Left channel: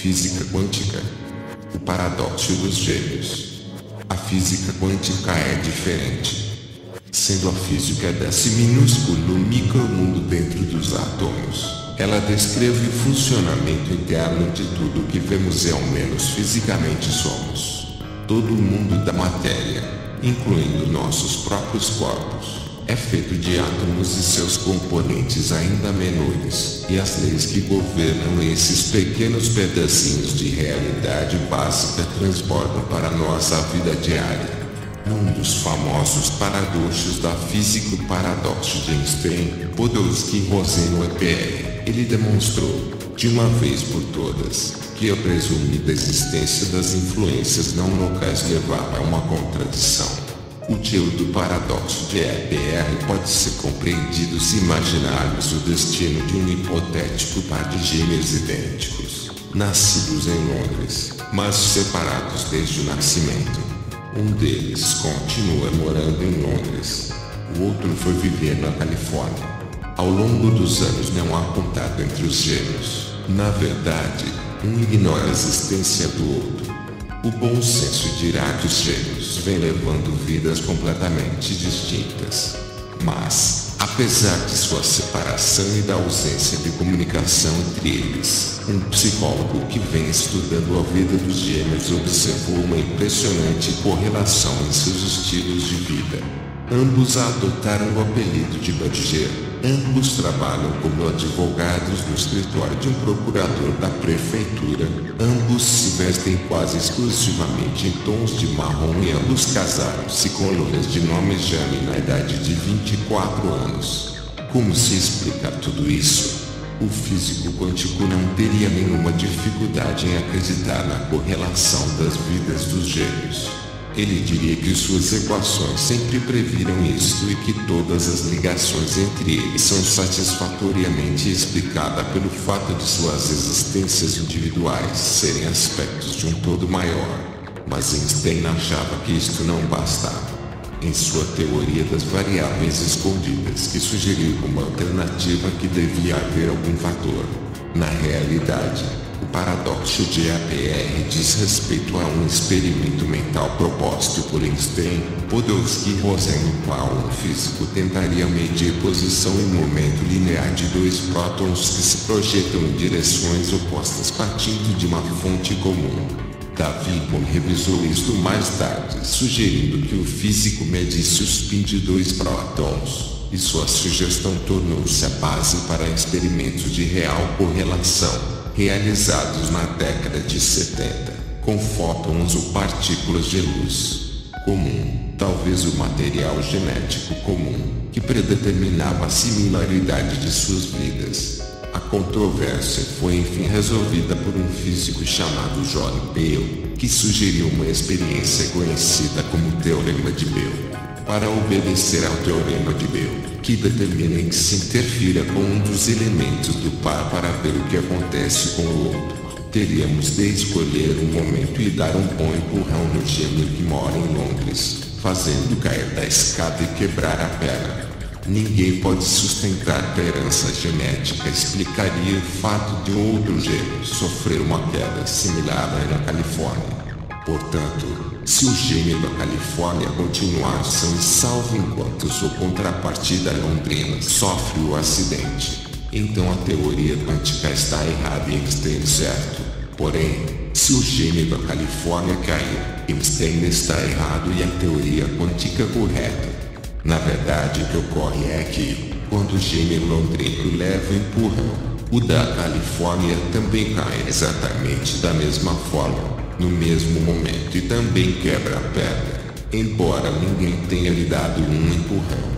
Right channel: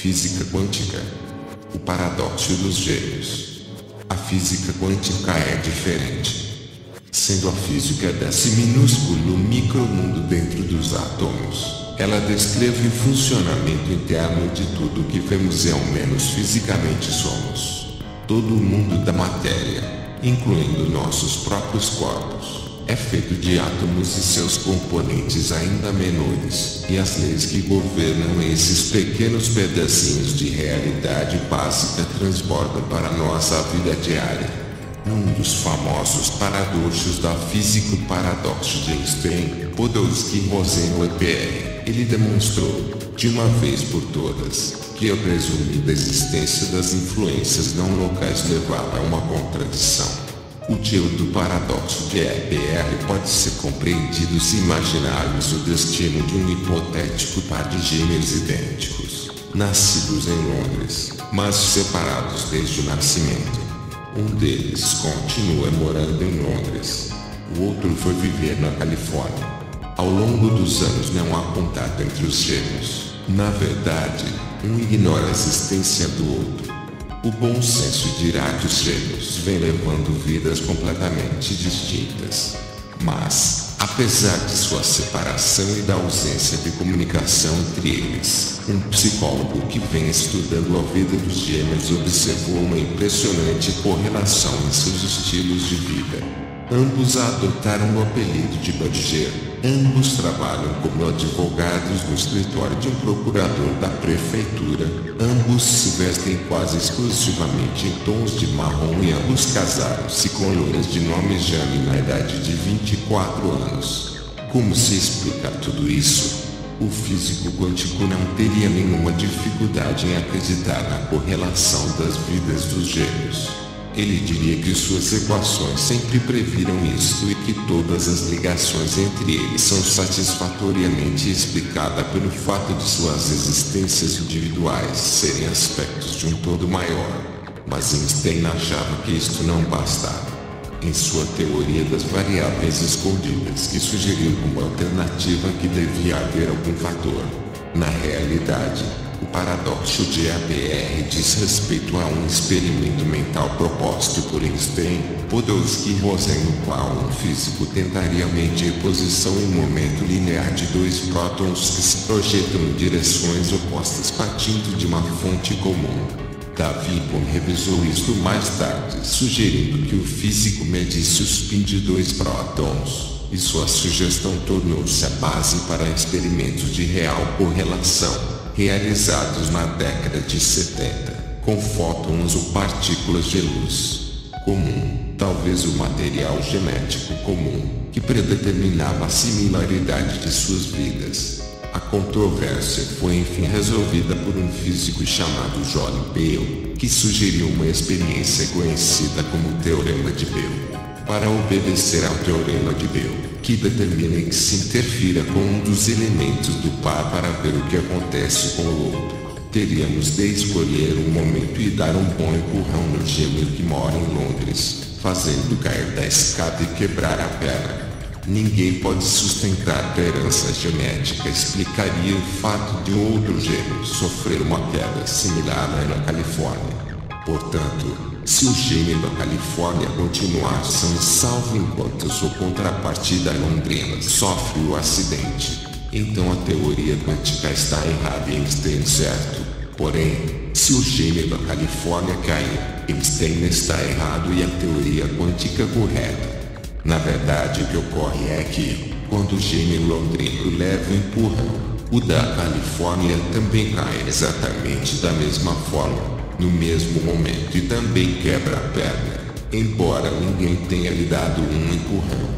Física quântica. O paradoxo dos gêmeos. A física quântica é diferente. Sendo a física desse minúsculo micromundo dentro dos átomos, ela descreve o funcionamento interno de tudo que vemos e ao menos fisicamente somos. Todo o mundo da matéria, incluindo nossos próprios corpos, é feito de átomos e seus componentes ainda menores, e as leis que governam esses pequenos pedacinhos de realidade básica transbordam para a nossa vida diária. Num dos famosos paradoxos da física, o paradoxo de Einstein, Podolsky e Rosen EPR, ele demonstrou, de uma vez por todas, que a presumida existência das influências não locais levava a uma contradição. O teor do paradoxo de EPR pode ser compreendido se imaginarmos o destino de um hipotético par de gêmeos idênticos, nascidos em Londres, mas separados desde o nascimento. Um deles continua morando em Londres. O outro foi viver na Califórnia. Ao longo dos anos não há contato entre os gêmeos. Na verdade, um ignora a existência do outro. O bom senso dirá que os gêmeos vêm levando vidas completamente distintas. Mas, apesar de sua separação e da ausência de comunicação entre eles, um psicólogo que vem estudando a vida dos gêmeos observou uma impressionante correlação em seus estilos de vida. Ambos adotaram o apelido de Badger. Ambos trabalham como advogados no escritório de um procurador da prefeitura. Ambos se vestem quase exclusivamente em tons de marrom e ambos casaram-se com loiras de nome Jane na idade de 24 anos. Como se explica tudo isso? O físico quântico não teria nenhuma dificuldade em acreditar na correlação das vidas dos gêmeos. Ele diria que suas equações sempre previram isto e que todas as ligações entre eles são satisfatoriamente explicadas pelo fato de suas existências individuais serem aspectos de um todo maior. Mas Einstein achava que isto não bastava. Em sua teoria das variáveis escondidas, que sugeriu como alternativa que devia haver algum fator. Na realidade, o paradoxo de EPR diz respeito a um experimento mental proposto por Einstein, Podolsky e Rosen, no qual um físico tentaria medir posição e momento linear de dois prótons que se projetam em direções opostas partindo de uma fonte comum. David Bohm revisou isto mais tarde, sugerindo que o físico medisse o spin de dois prótons, e sua sugestão tornou-se a base para experimentos de real correlação, realizados na década de 70, com fótons ou partículas de luz comum, talvez o material genético comum, que predeterminava a similaridade de suas vidas. A controvérsia foi enfim resolvida por um físico chamado John Bell, que sugeriu uma experiência conhecida como Teorema de Bell. Para obedecer ao Teorema de Bell, que determina que se interfira com um dos elementos do par para ver o que acontece com o outro, teríamos de escolher um momento e dar um bom empurrão no gêmeo que mora em Londres, fazendo cair da escada e quebrar a perna. Ninguém pode sustentar que a herança genética explicaria o fato de um outro gêmeo sofrer uma queda similar na Califórnia. Portanto, se o gêmeo da Califórnia continuar são e salvo enquanto sua contrapartida londrina sofre o acidente, então a teoria quântica está errada e Einstein certo. Porém, se o gêmeo da Califórnia cair, Einstein está errado e a teoria quântica correta. Na verdade, o que ocorre é que, quando o gêmeo londrino leva o empurrão, o da Califórnia também cai exatamente da mesma forma, no mesmo momento e também quebra a perna, embora ninguém tenha lhe dado um empurrão.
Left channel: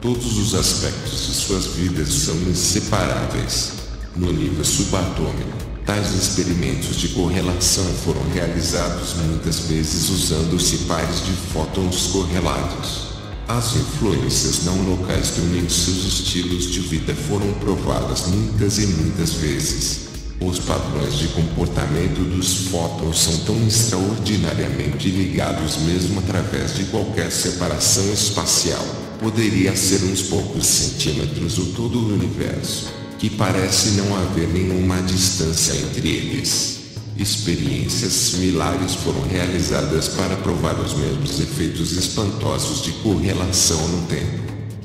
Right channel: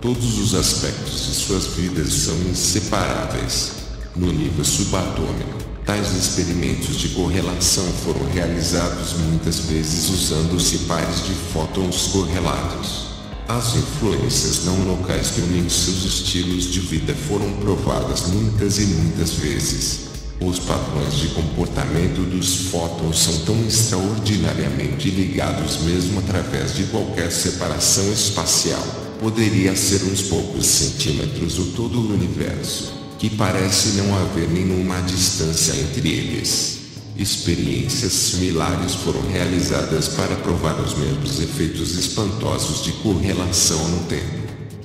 Todos os aspectos de suas vidas são inseparáveis. No nível subatômico, tais experimentos de correlação foram realizados muitas vezes usando-se pares de fótons correlatos. As influências não locais que unem seus estilos de vida foram provadas muitas e muitas vezes. Os padrões de comportamento dos fótons são tão extraordinariamente ligados mesmo através de qualquer separação espacial, poderia ser uns poucos centímetros ou todo o universo, que parece não haver nenhuma distância entre eles. Experiências similares foram realizadas para provar os mesmos efeitos espantosos de correlação no tempo.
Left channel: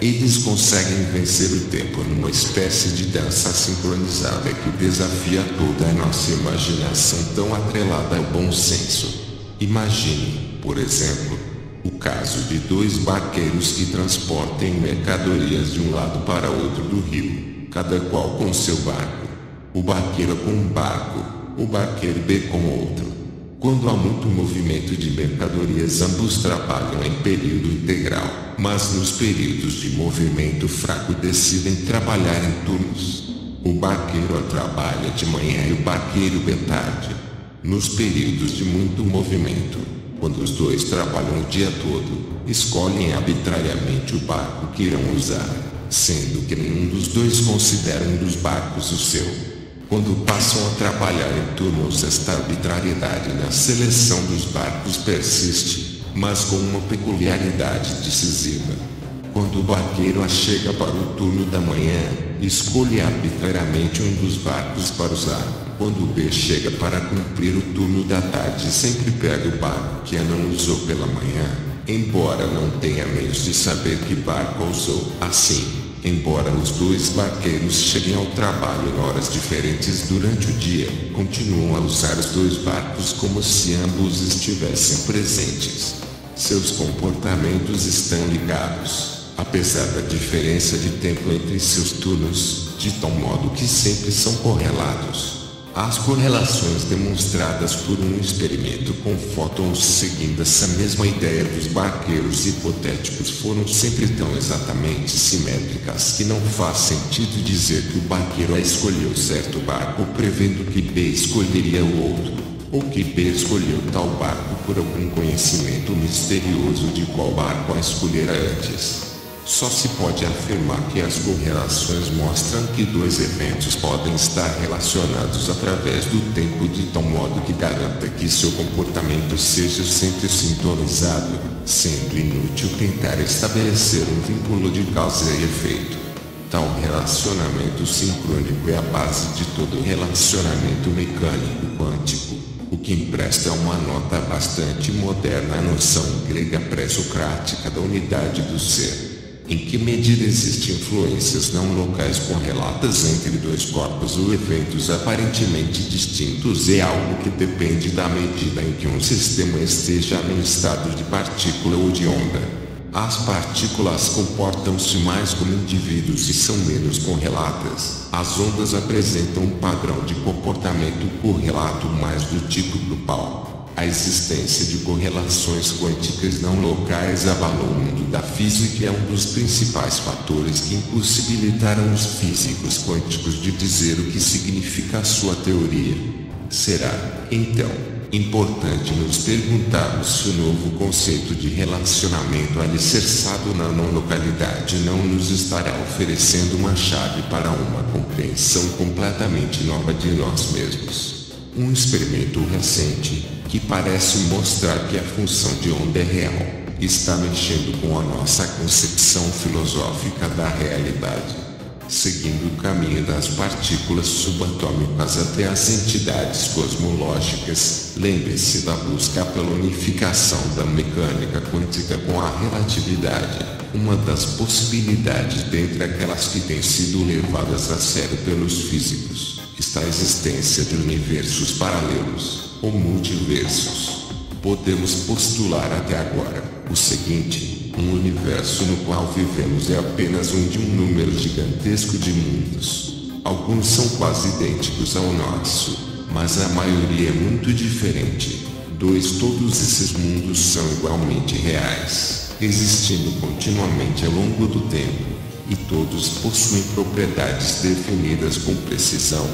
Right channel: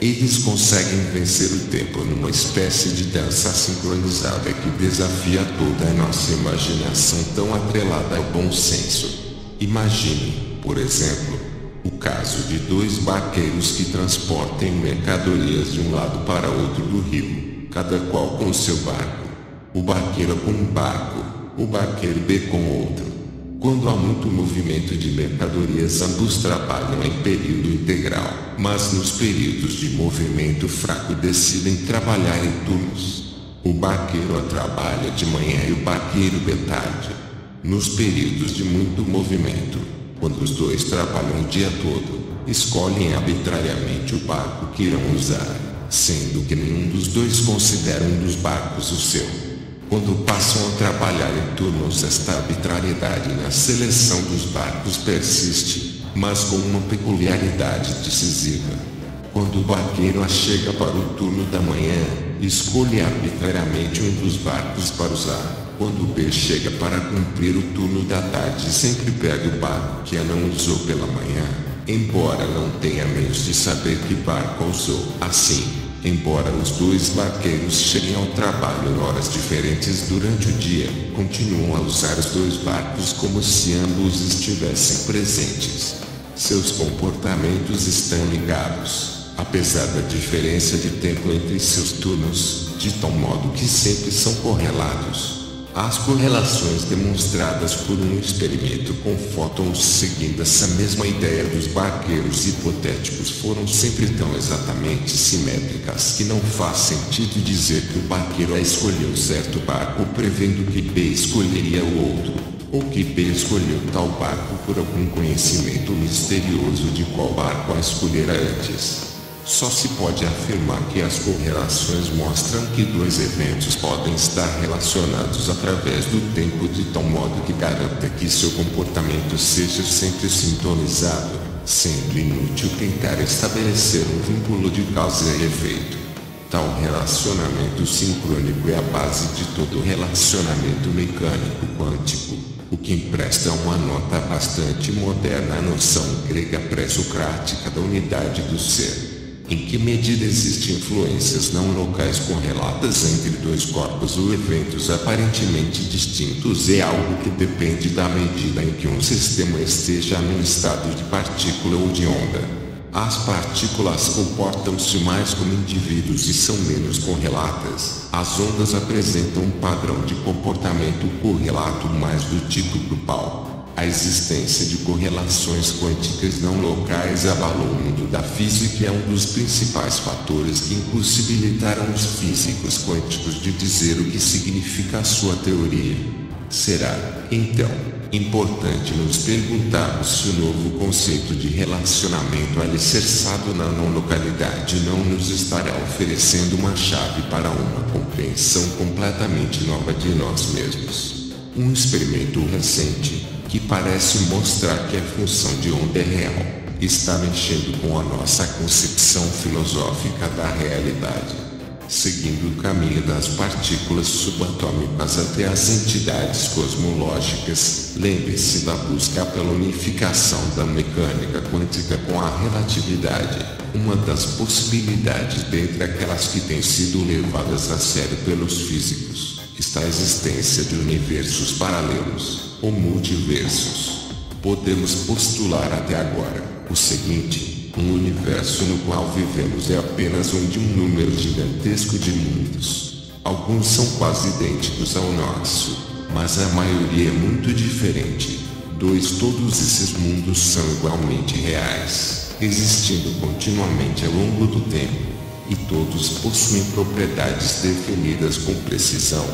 Eles conseguem vencer o tempo numa espécie de dança sincronizada que desafia toda a nossa imaginação tão atrelada ao bom senso. Imagine, por exemplo, o caso de dois barqueiros que transportem mercadorias de um lado para outro do rio, cada qual com seu barco. O barqueiro A com um barco, o barqueiro B com outro. Quando há muito movimento de mercadorias, ambos trabalham em período integral, mas nos períodos de movimento fraco decidem trabalhar em turnos. O barqueiro A trabalha de manhã e o barqueiro B tarde. Nos períodos de muito movimento, quando os dois trabalham o dia todo, escolhem arbitrariamente o barco que irão usar, sendo que nenhum dos dois considera um dos barcos o seu. Quando passam a trabalhar em turnos, esta arbitrariedade na seleção dos barcos persiste, mas com uma peculiaridade decisiva. Quando o barqueiro A chega para o turno da manhã, escolhe arbitrariamente um dos barcos para usar. Quando o B chega para cumprir o turno da tarde, sempre pega o barco que A não usou pela manhã, embora não tenha meios de saber que barco usou. Assim, embora os dois barqueiros cheguem ao trabalho em horas diferentes durante o dia, continuam a usar os dois barcos como se ambos estivessem presentes. Seus comportamentos estão ligados, apesar da diferença de tempo entre seus turnos, de tal modo que sempre são correlatos. As correlações demonstradas por um experimento com fótons seguindo essa mesma ideia dos barqueiros hipotéticos foram sempre tão exatamente simétricas que não faz sentido dizer que o barqueiro A escolheu certo barco prevendo que B escolheria o outro, ou que B escolheu tal barco por algum conhecimento misterioso de qual barco A escolhera antes. Só se pode afirmar que as correlações mostram que dois eventos podem estar relacionados através do tempo de tal modo que garanta que seu comportamento seja sempre sintonizado, sendo inútil tentar estabelecer um vínculo de causa e efeito. Tal relacionamento sincrônico é a base de todo relacionamento mecânico quântico, o que empresta uma nota bastante moderna à noção grega pré-socrática da unidade do ser. Em que medida existem influências não locais correlatas entre dois corpos ou eventos aparentemente distintos é algo que depende da medida em que um sistema esteja num estado de partícula ou de onda. As partículas comportam-se mais como indivíduos e são menos correlatas. As ondas apresentam um padrão de comportamento correlato mais do tipo grupal. A existência de correlações quânticas não locais abalou o mundo da física e é um dos principais fatores que impossibilitaram os físicos quânticos de dizer o que significa a sua teoria. Será, então, importante nos perguntarmos se o novo conceito de relacionamento alicerçado na não-localidade não nos estará oferecendo uma chave para uma compreensão completamente nova de nós mesmos. Um experimento recente, que parece mostrar que a função de onda é real, está mexendo com a nossa concepção filosófica da realidade. Seguindo o caminho das partículas subatômicas até as entidades cosmológicas, lembre-se da busca pela unificação da mecânica quântica com a relatividade. Uma das possibilidades dentre aquelas que têm sido levadas a sério pelos físicos, está a existência de universos paralelos, ou multiversos. Podemos postular até agora o seguinte: um universo no qual vivemos é apenas um de um número gigantesco de mundos. Alguns são quase idênticos ao nosso, mas a maioria é muito diferente. Todos esses mundos são igualmente reais, existindo continuamente ao longo do tempo, e todos possuem propriedades definidas com precisão.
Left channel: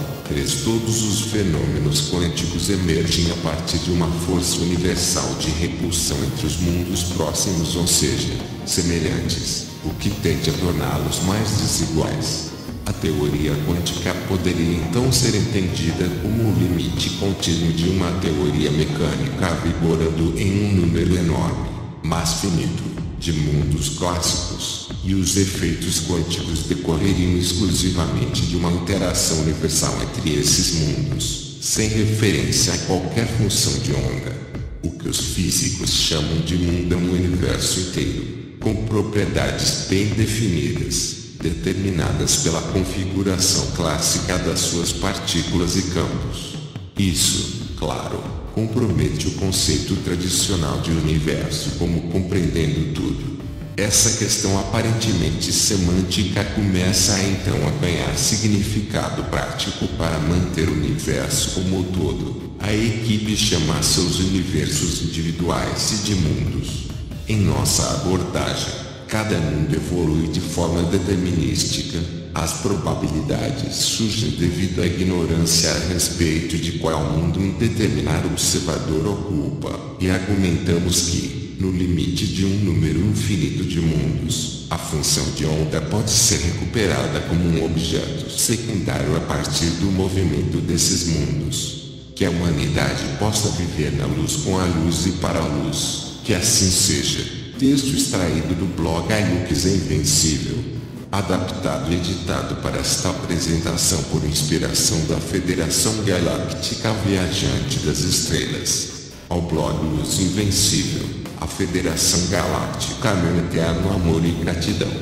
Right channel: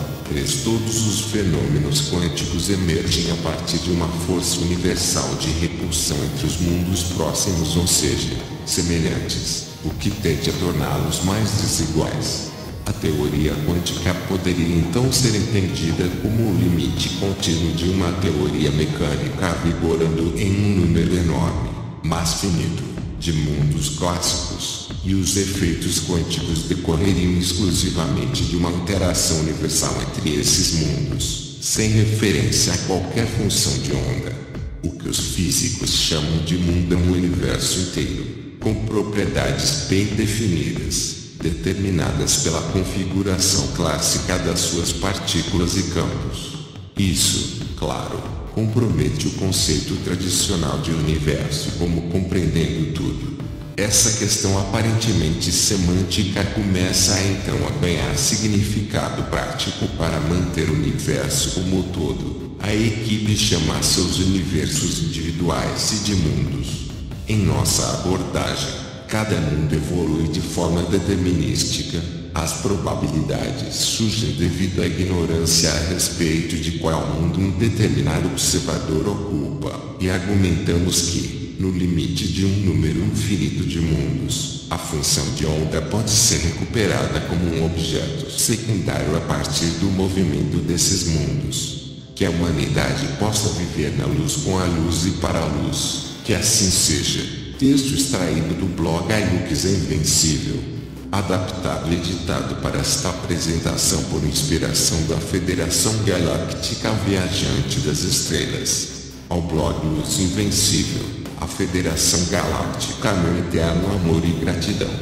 Todos os fenômenos quânticos emergem a partir de uma força universal de repulsão entre os mundos próximos, ou seja, semelhantes, o que tende a torná-los mais desiguais. A teoria quântica poderia então ser entendida como o limite contínuo de uma teoria mecânica vigorando em um número enorme, mas finito, de mundos clássicos, e os efeitos quânticos decorreriam exclusivamente de uma interação universal entre esses mundos. sem referência a qualquer função de onda. O que os físicos chamam de mundo é um universo inteiro, com propriedades bem definidas, determinadas pela configuração clássica das suas partículas e campos. Isso, claro, compromete o conceito tradicional de universo como compreendendo tudo. Essa questão aparentemente semântica começa a então a ganhar significado prático para manter o universo como um todo. A equipe chama seus universos individuais de mundos. Em nossa abordagem, cada mundo evolui de forma determinística. As probabilidades surgem devido à ignorância a respeito de qual mundo um determinado observador ocupa, e argumentamos que, no limite de um número infinito de mundos, a função de onda pode ser recuperada como um objeto secundário a partir do movimento desses mundos. Que a humanidade possa viver na luz com a luz e para a luz, que assim seja. Texto extraído do blog iLux Invencível. Adaptado e editado para esta apresentação por inspiração da Federação Galáctica Viajante das Estrelas. Ao blog Luz Invencível, a Federação Galáctica, meu eterno amor e gratidão.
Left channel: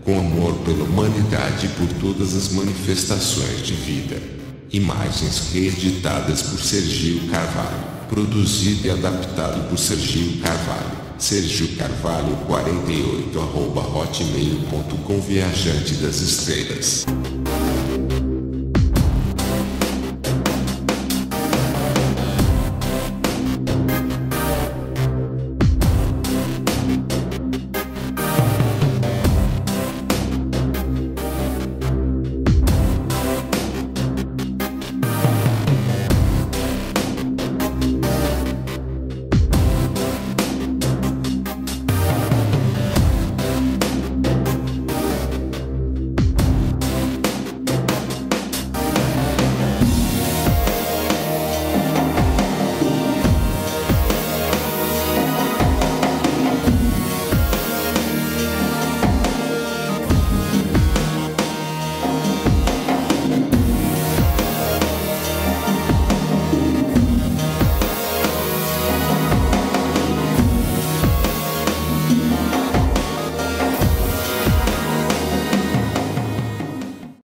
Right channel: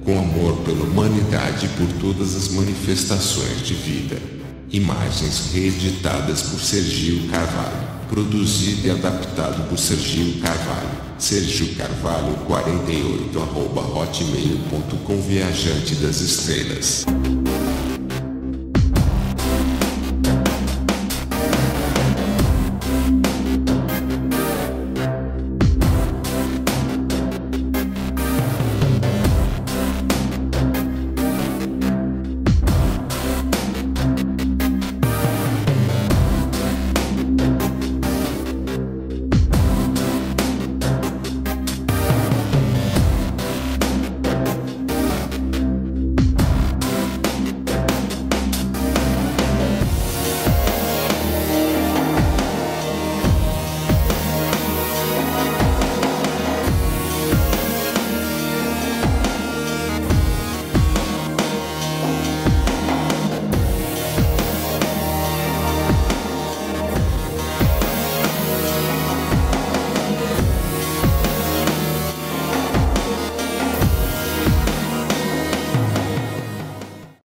Com amor pela humanidade e por todas as manifestações de vida. Imagens reeditadas por Sergio Carvalho. Produzido e adaptado por Sergio Carvalho. Sergio Carvalho 48 @hotmail.com Viajante das Estrelas.